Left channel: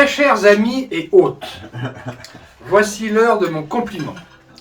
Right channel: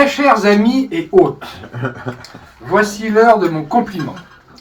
Très chers amis et hôtes, voici l'heure de mon compliment.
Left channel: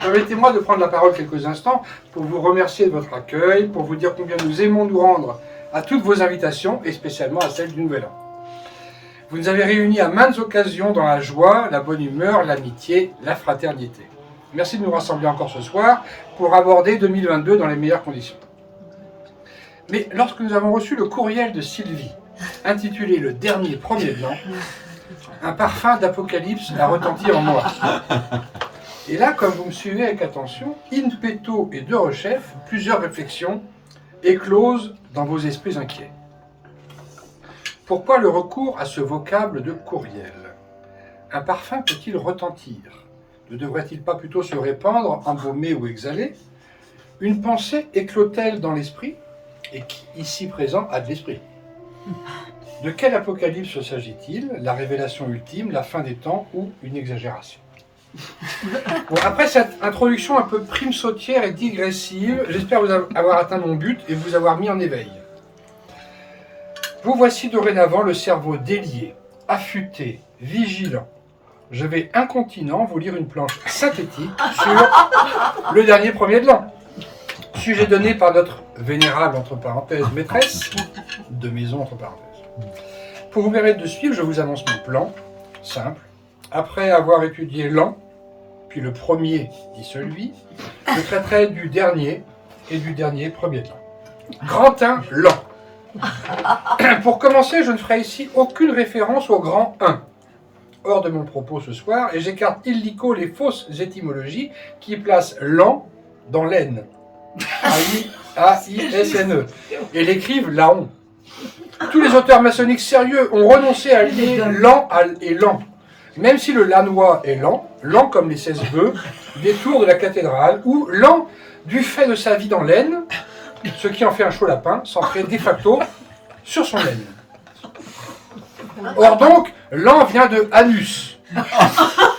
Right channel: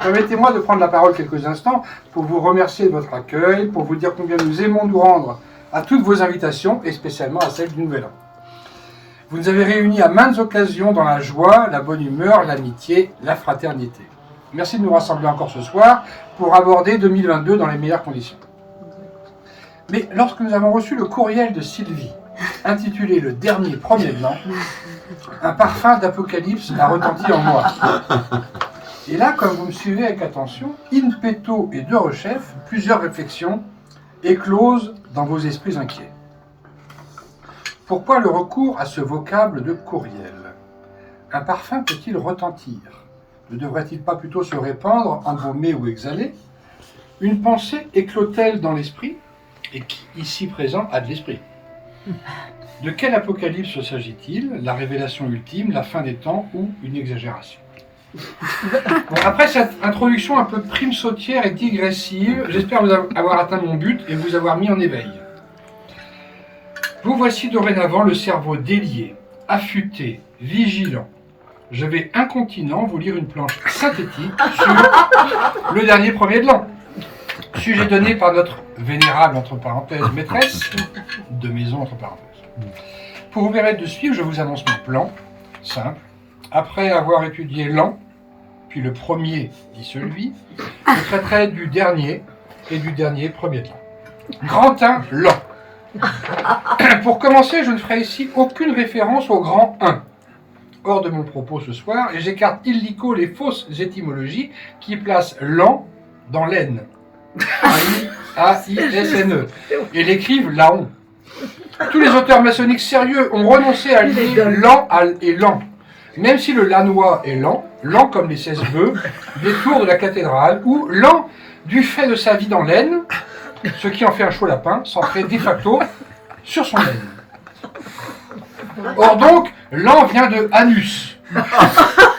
Permettez-moi de prendre la parole quelques instants pour vous remercier de votre accueil, pour vous dire combien nous aimons nous rendre à toutes vos invitations et spécialement à celle du Nouvel An. Vous nous avez réunis à maintes occasions dans la joie, la bonne humeur, l'amitié, la fraternité. Merci de nous rassembler encore ce soir pour aborder 2022 dans les meilleures conditions. Mais lorsque nous avons reçu le courriel de Sylvie, intitulé Le dernier premier de l'an, un parfum d'apocalypse a retenti en moi. Et là, comme vous me suivez avec attention, in petto et de rechef, plusieurs réflexions éclosent dans vos esprits inquiets. Pourquoi le recours à ce vocable de courriel? Un parfum peut-il retentir? Ne devrait-il pas plutôt se répandre, embaumer ou exhaler? Une pensée éclot-elle dans l'esprit? Et qui, ici présent, a de l'esprit? De quel apocalypse s'agit-il? La révélation ultime, la fin des temps ou une exagération? Bon, après cette introduction un peu prime sautière et digressive, j'espère vous avoir atteint mon but et vous avoir mis en éveil. Vous voici dorénavant le cerveau délié, affûté, vigilant. Je vais incontinent vous lire une planche synthétique sur le dernier premier de l'an. Sujet donné par notre vénérable, entre parenthèses, maîtresse de maison, entre parenthèses. Pour vous permettre de suivre, je vous annonce mon plan, simple. Après avoir étudié l'an, puis le premier dit celui, je traiterai du dernier et du dernier premier de l'an. Grand 1, l'an. Pour commencer, je ne ferai ici aucune référence au grand 1. Hors de mon propos ce soir, et j'écarte illico les fausses étymologies qui placent l'an dans l'aine. A-I-S-N-E. Et l'écrivent Laon. Tous les auteurs maçonniques sérieux ont renoncé à lier l'an et l'an. Même si le lanois est lent, lent comme les 16 bœufs, des tours de la cathédrale, ou lent du fait de sa vie dans l'aine, ce qui en fait un chaud lapin, s'ancrait de facto sur son laine. Or donc, l'an vient de anus.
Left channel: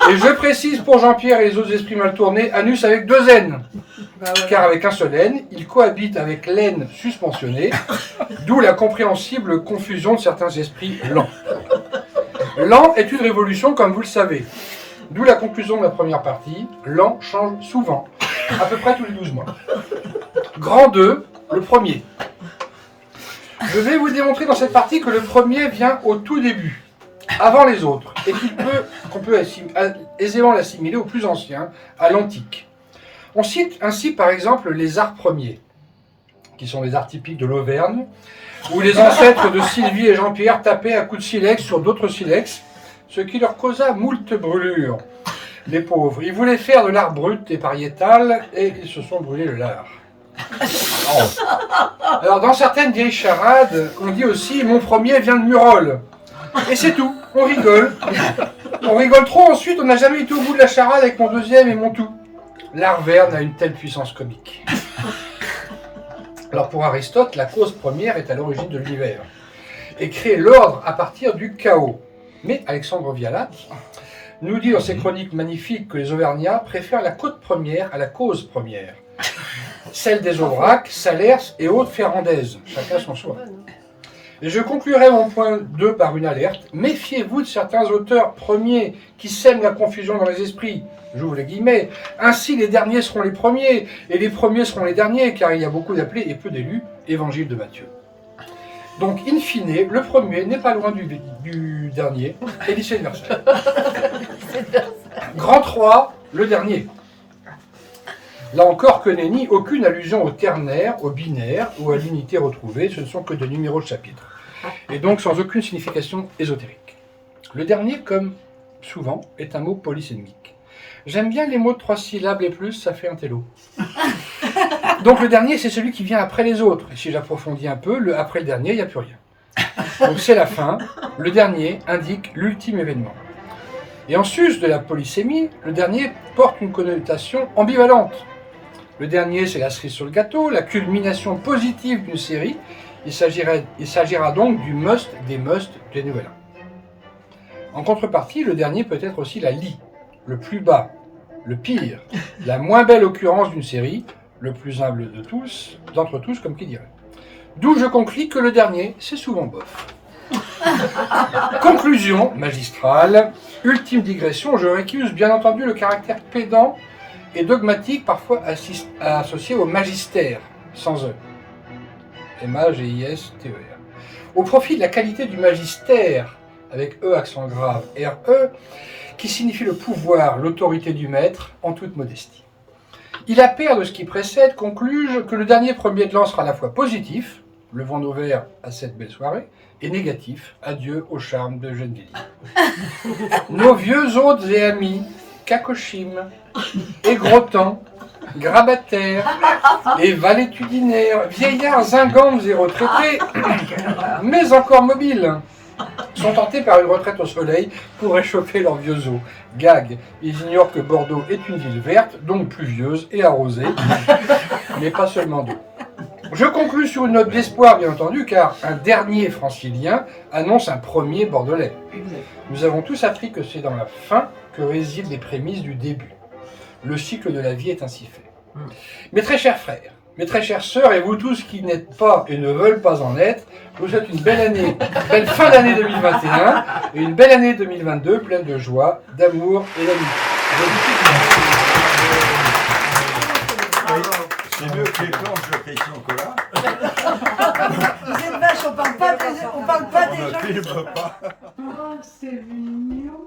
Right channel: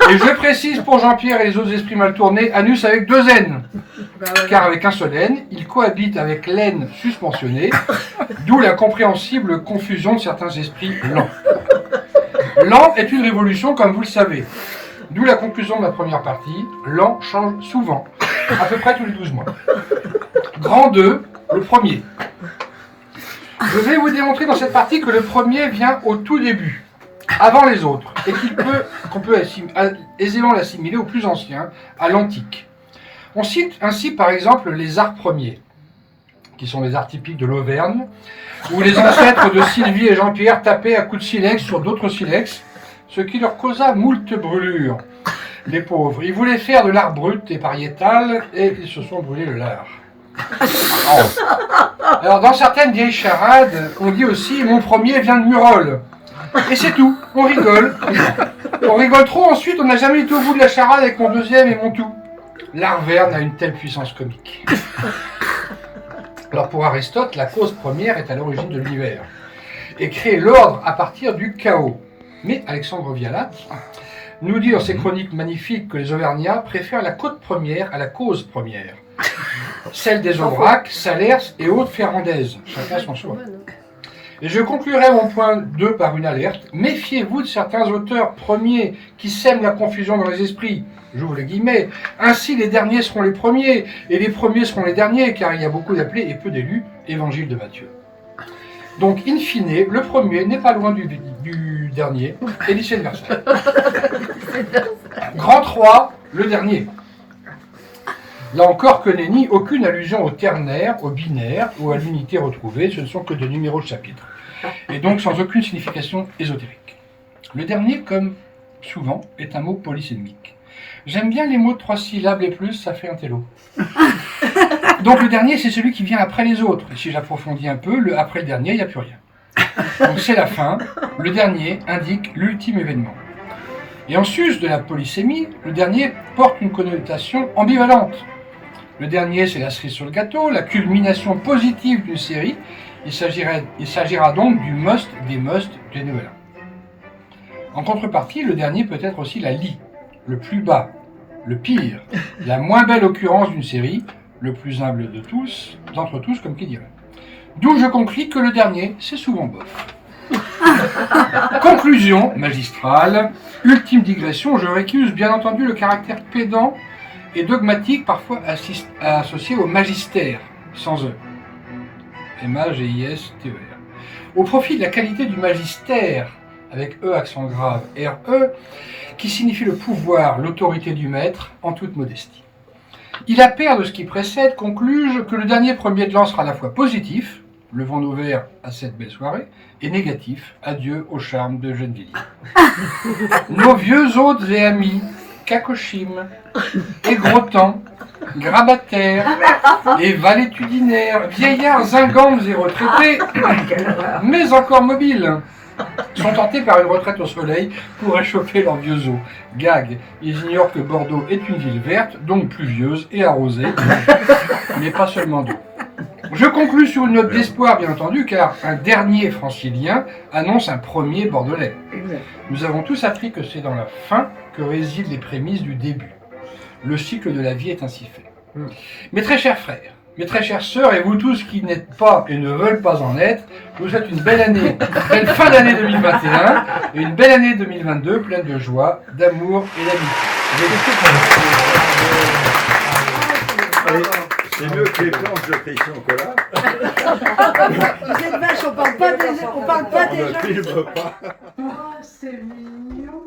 Et je précise pour Jean-Pierre et les autres esprits mal tournés, anus avec 2 N. Car avec un seul N, il cohabite avec l'aine susmentionnée, d'où la compréhensible confusion de certains esprits lents. L'an est une révolution, comme vous le savez. D'où la conclusion de la première partie, l'an change souvent, à peu près tous les 12 mois. Grand 2, le premier. Je vais vous démontrer dans cette partie que le premier vient au tout début, avant les autres, et qu'on peut aisément l'assimiler au plus ancien, à l'antique. On cite ainsi par exemple les arts premiers, qui sont les arts typiques de l'Auvergne, où les ancêtres de Sylvie et Jean-Pierre tapaient à coups de silex sur d'autres silex, ce qui leur causa moult brûlures. Les pauvres, ils voulaient faire de l'art brut et pariétal, et ils se sont brûlés le lard. Alors dans certaines vieilles charades, on dit aussi « mon premier vient de Murol ». Et c'est tout, on rigole. On rigole trop, ensuite on n'a jamais été au bout de la charade avec mon deuxième et mon tout. L'art verne a une telle puissance comique. Alors pour Aristote, la cause première est à l'origine de l'univers et crée l'ordre à partir du chaos. Mais Alexandre Vialat nous dit dans ses chroniques magnifiques que les Auvergnats préfèrent la côte première à la cause première. Celle des Aubrac, Salers et autres Ferrandaises, chacun son choix. Et je conclurai mon point 2 par une alerte. Méfiez-vous de certains auteurs premiers qui sèment la confusion dans les esprits. J'ouvre les guillemets. Ainsi, les derniers seront les premiers, et les premiers seront les derniers, car il y a beaucoup d'appelés et peu d'élus. Évangile de Matthieu. Donc, in fine, le premier n'est pas loin du dernier, et vice versa. Grand 3, le dernier. Là encore, que nenni, aucune allusion au ternaire, au binaire ou à l'unité retrouvée, ce ne sont que de numéros de chapitre. Et donc sans aucune signification ésotérique. Le dernier, comme souvent, est un mot polysémique. J'aime bien les mots de 3 syllabes et plus, ça fait un télo. Donc le dernier, c'est celui qui vient après les autres. Et si j'approfondis un peu, après le dernier, il n'y a plus rien. Donc c'est la fin. Le dernier indique l'ultime événement. Et en sus de la polysémie, le dernier porte une connotation ambivalente. Le dernier, c'est la cerise sur le gâteau, la culmination positive d'une série. Il s'agira donc du must des Nouvel An. En contrepartie, le dernier peut être aussi la lie, le plus bas, le pire, la moins belle occurrence d'une série, le plus humble d'entre tous, comme qui dirait. D'où je conclus que le dernier, c'est souvent bof. Conclusion magistrale, ultime digression, je récuse bien entendu le caractère pédant et dogmatique parfois associé au magistère, sans E. M-A-G-I-S-T-E-R. Au profit de la qualité du magistère, avec E accent grave, R-E, qui signifie le pouvoir, l'autorité du maître, en toute modestie. Il appert de ce qui précède, concluge que le dernier premier de l'an sera à la fois positif, levons nos verres à cette belle soirée, et négatif, adieu au charme de Gennevilliers. Nos vieux hôtes et amis, Cacochim, et Grottan, grabataires et valétudinaires, vieillards ingangs et retraités, mais encore mobiles, sont tentés par une retraite au soleil pour réchauffer leurs vieux os. Gag, ils ignorent que Bordeaux est une ville verte, donc pluvieuse et arrosée, mais pas seulement d'eau. Je conclus sur une note d'espoir, bien entendu, car un dernier francilien annonce un premier bordelais. Nous avons tous appris que c'est dans la fin que résident les prémices du début. Le cycle de la vie est ainsi fait. Mes très chers frères, mes très chères sœurs, et vous tous qui n'êtes pas et ne veulent pas en être, je vous souhaite une belle année, une belle fin d'année 2021 et une belle année 2022 pleine de joie, d'amour et d'amitié. C'est mieux que les planches de Christian Collat. Vous êtes vache, on parle pas des Ne gens. filme pas. C'est mignon.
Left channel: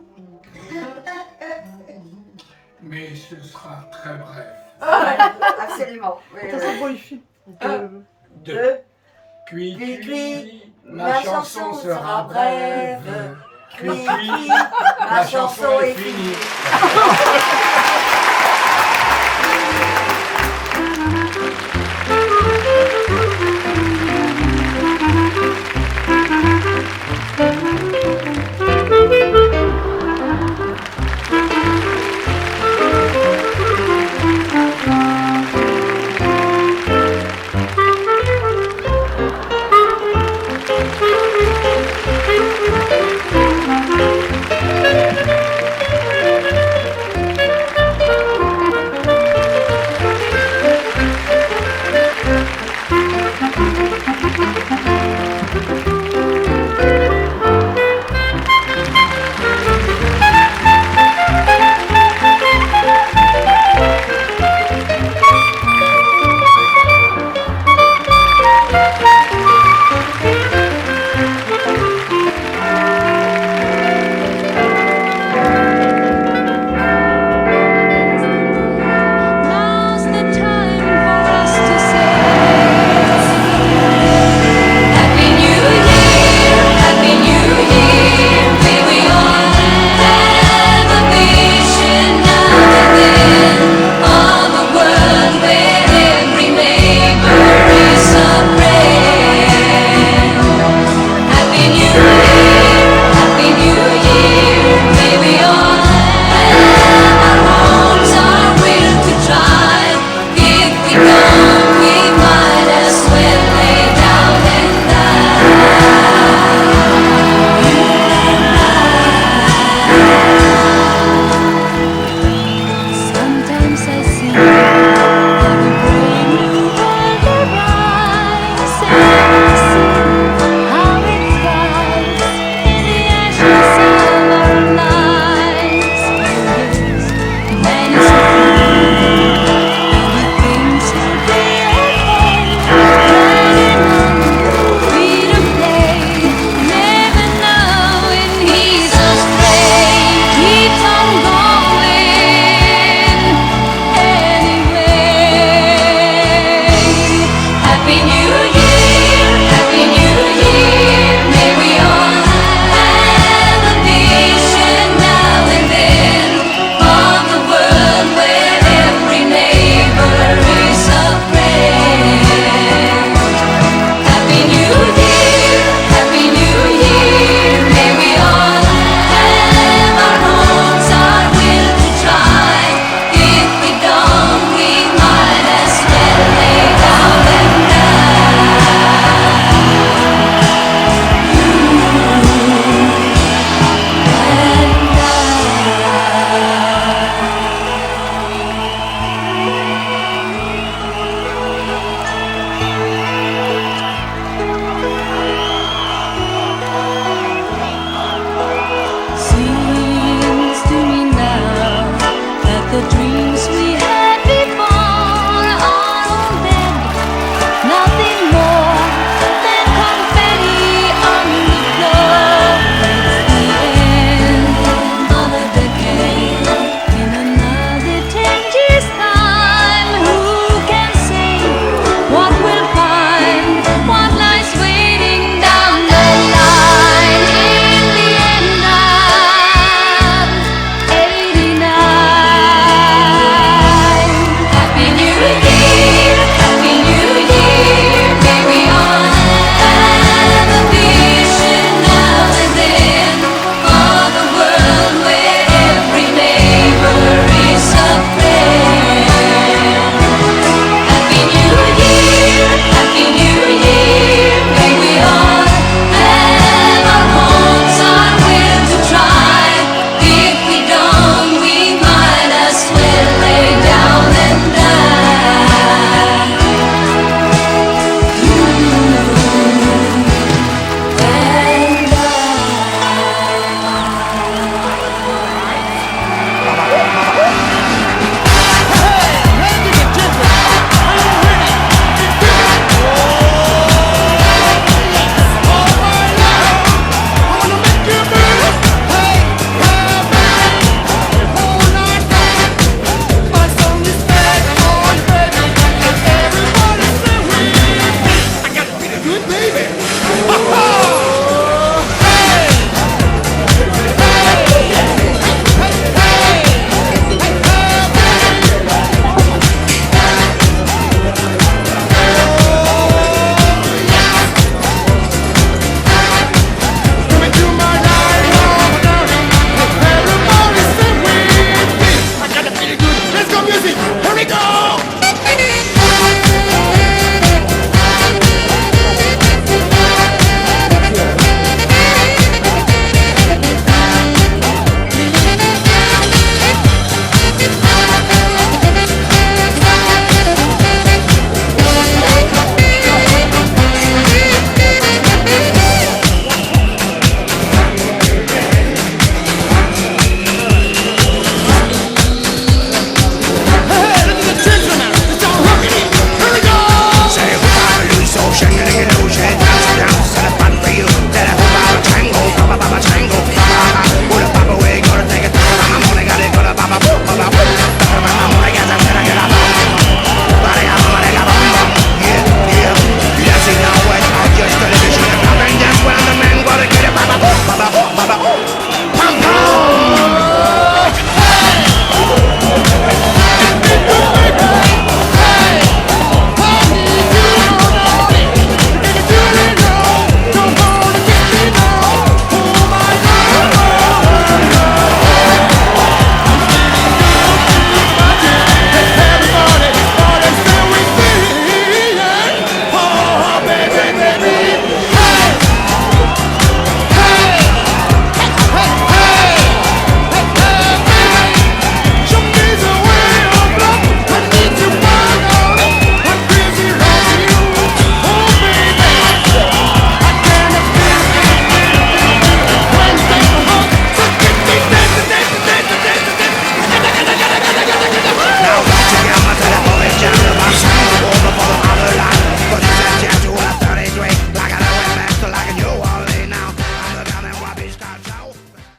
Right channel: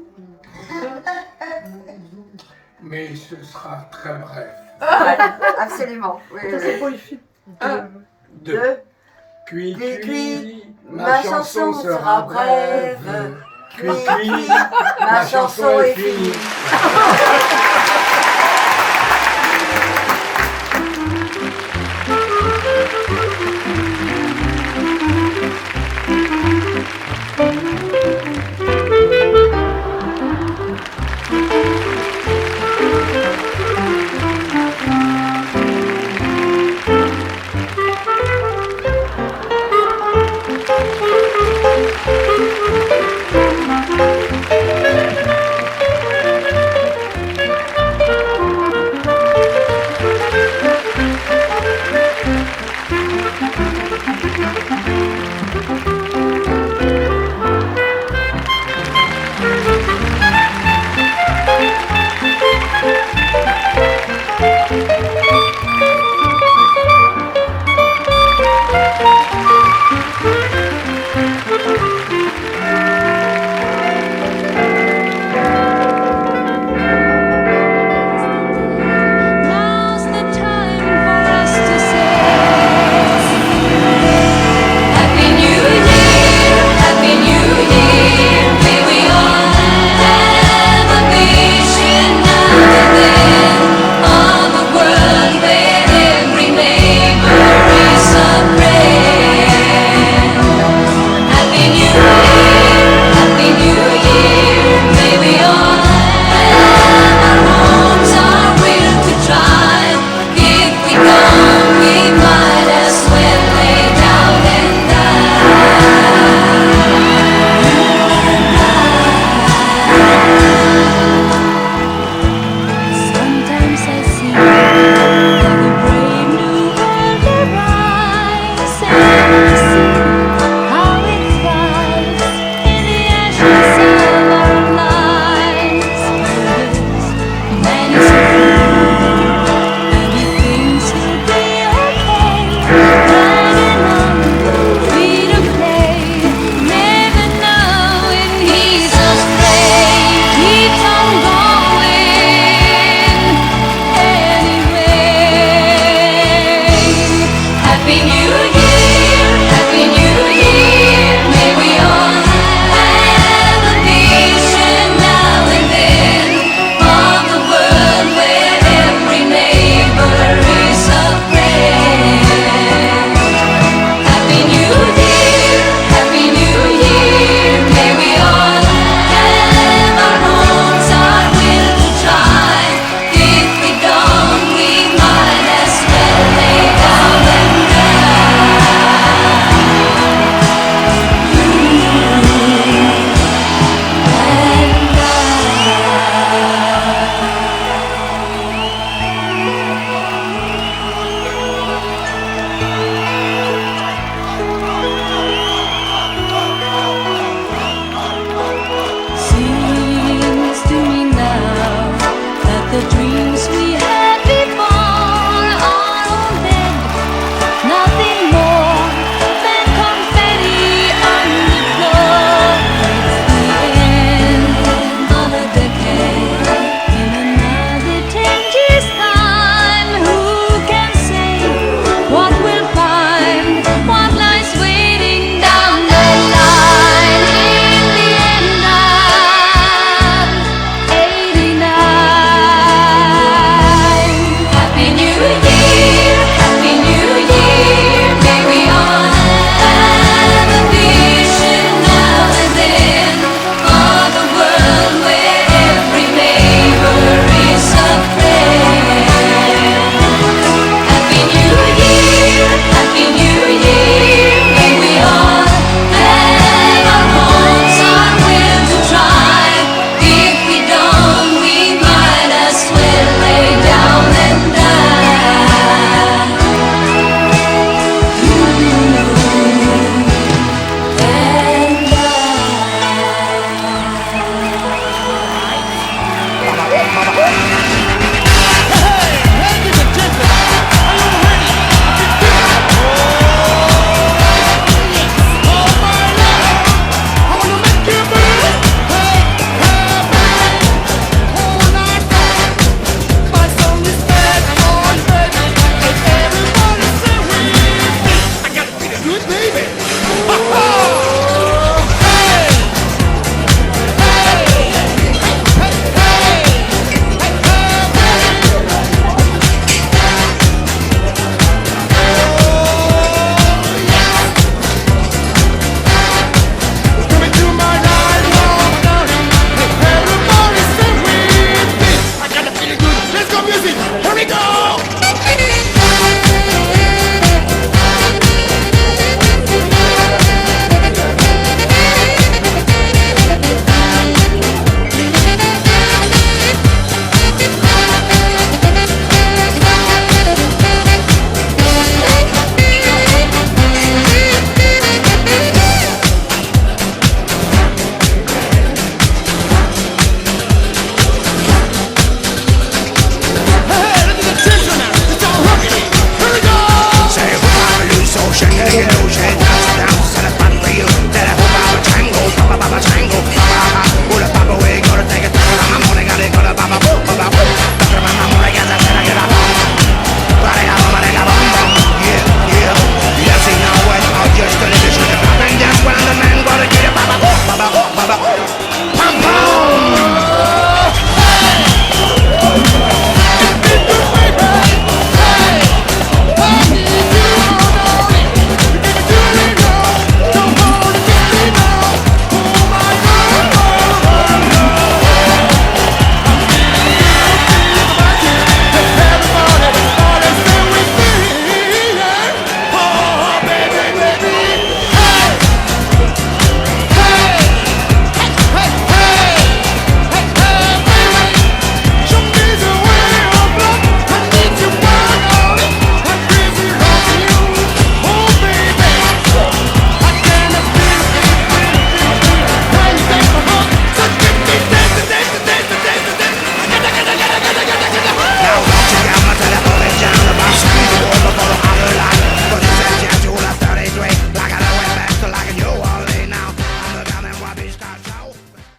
Mais ce sera très bref. Absolument. Oui, oui, Attention oui. pour les filles. Deux. Cuit, Cuit, cuit, ma chanson sera brève. Cuit, cuit, ma chanson est finie. Thank you.